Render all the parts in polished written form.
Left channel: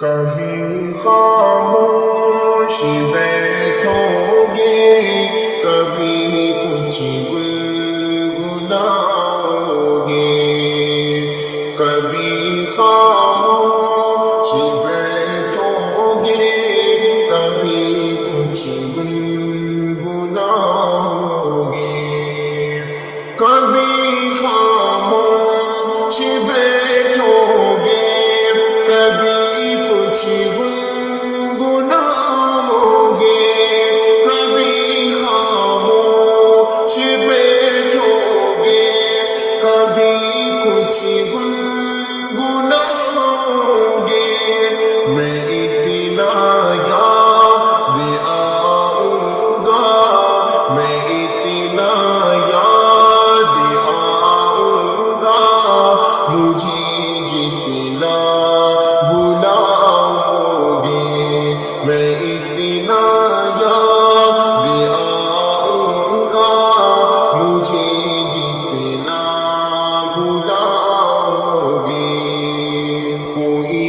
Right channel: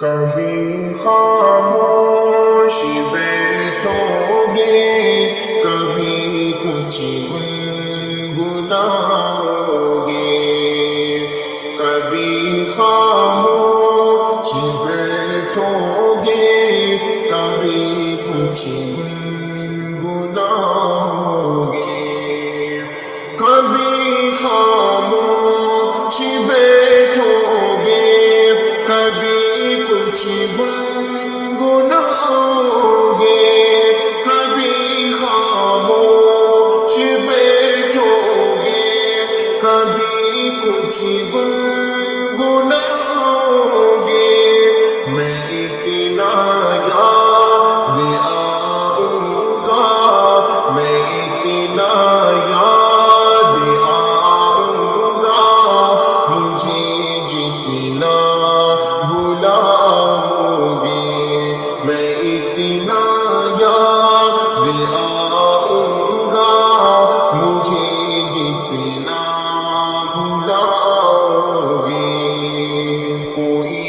کبھی خاموش بیٹھو گے، کبھی کچھ گنگناؤ گے، کبھی خاموش بیٹھو گے، کبھی کچھ گنگناؤ گے، کبھی خاموش بیٹھو گے، کبھی کچھ گنگناؤ گے، کبھی خاموش بیٹھو گے، کبھی کچھ گنگناؤ گے، میں اتنا یاد آؤں گا، میں اتنا یاد آؤں گا، مجھے جتنا بلاؤ گے، میں اتنا یاد آؤں گا، مجھے جتنا بلاؤ گے، کوئی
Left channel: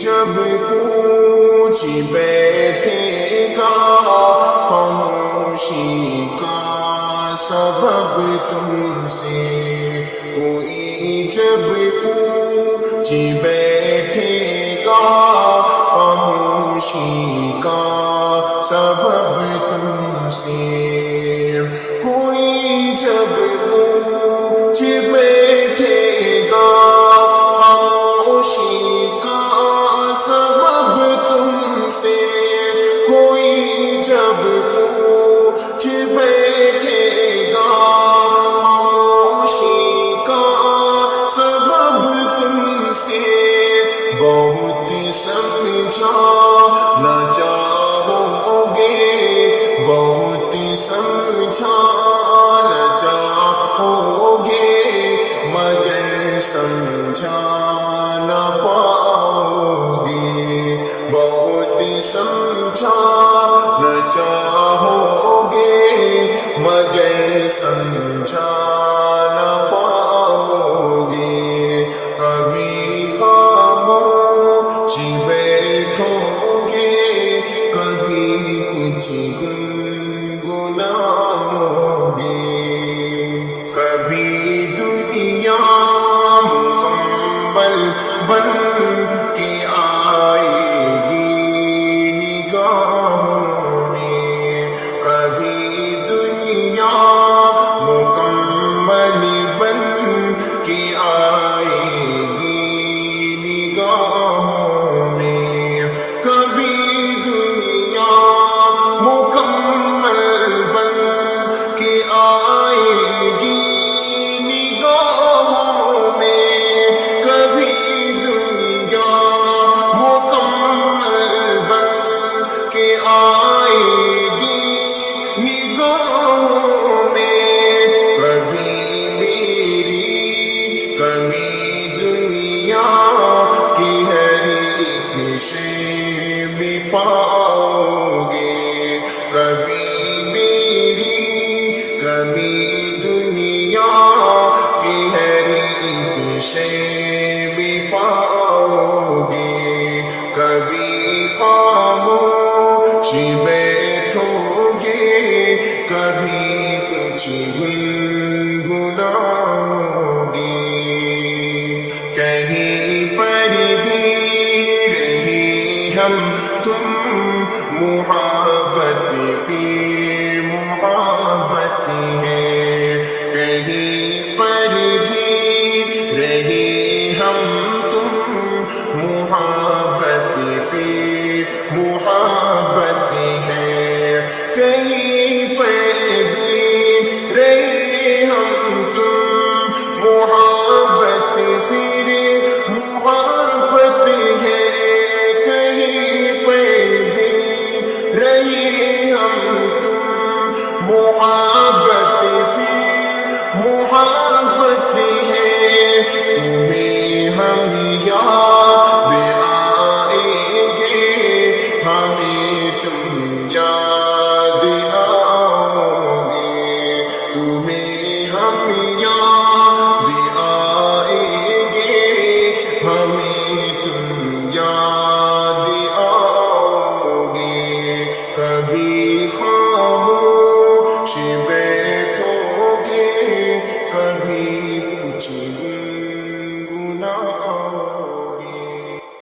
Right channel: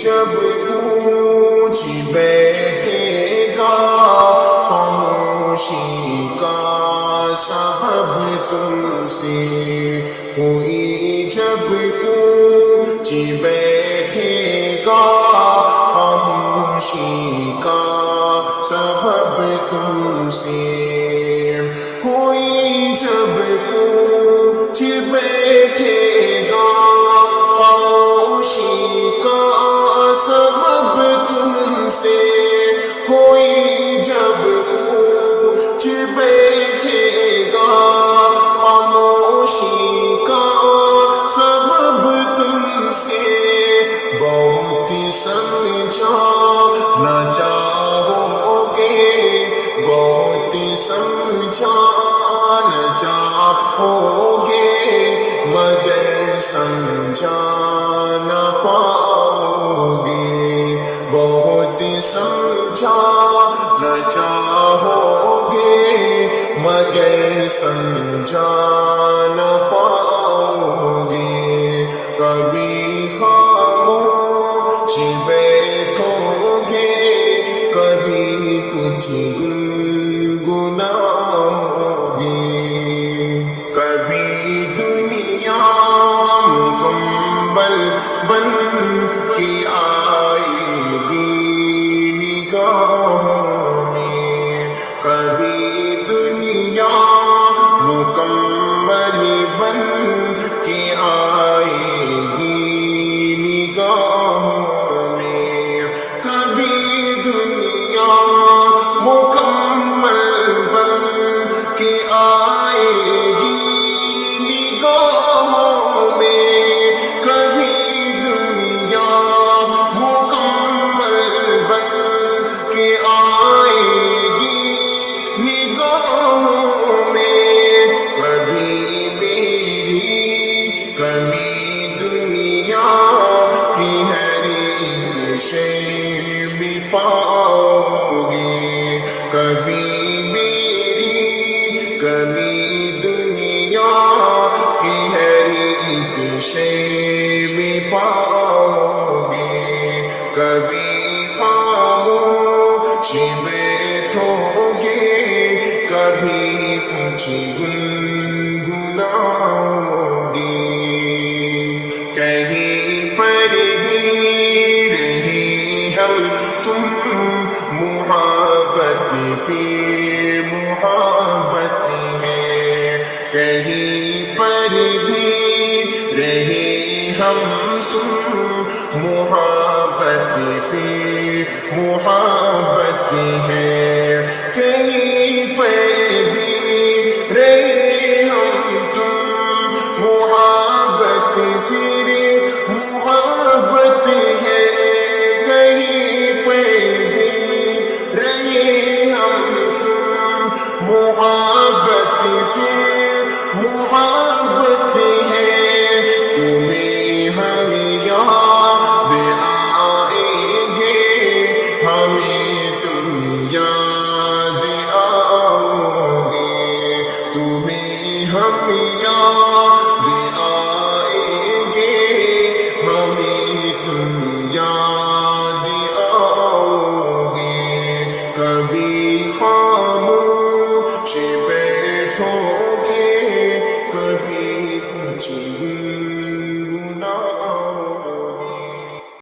جب پوچھ بیٹھے گا خاموشی کا سبب تم سے، کوئی جب پوچھ بیٹھے گا خاموشی کا سبب تم سے، کوئی جب پوچھ بیٹھے گا خاموشی کا سبب تم سے، کوئی جب پوچھ بیٹھے گا خاموشی کا سبب تم سے، بہت سمجھانا چاہو گے، بہت سمجھانا چاہو گے، مگر سمجھا نہ پاؤ گے، بہت سمجھانا چاہو گے، مگر سمجھا نہ پاؤ گے، کبھی خاموش بیٹھو گے، کبھی کچھ گنگناؤ گے، کبھی دنیا مکمل بن کے آئے گی نگاہوں میں، کبھی دنیا مکمل بن کے آئے گی نگاہوں میں، کبھی دنیا مکمل بن کے آئے گی نگاہوں میں، کبھی دنیا مکمل بن کے آئے گی نگاہوں میں، کبھی میری کبھی دنیا کی ہر ایک شے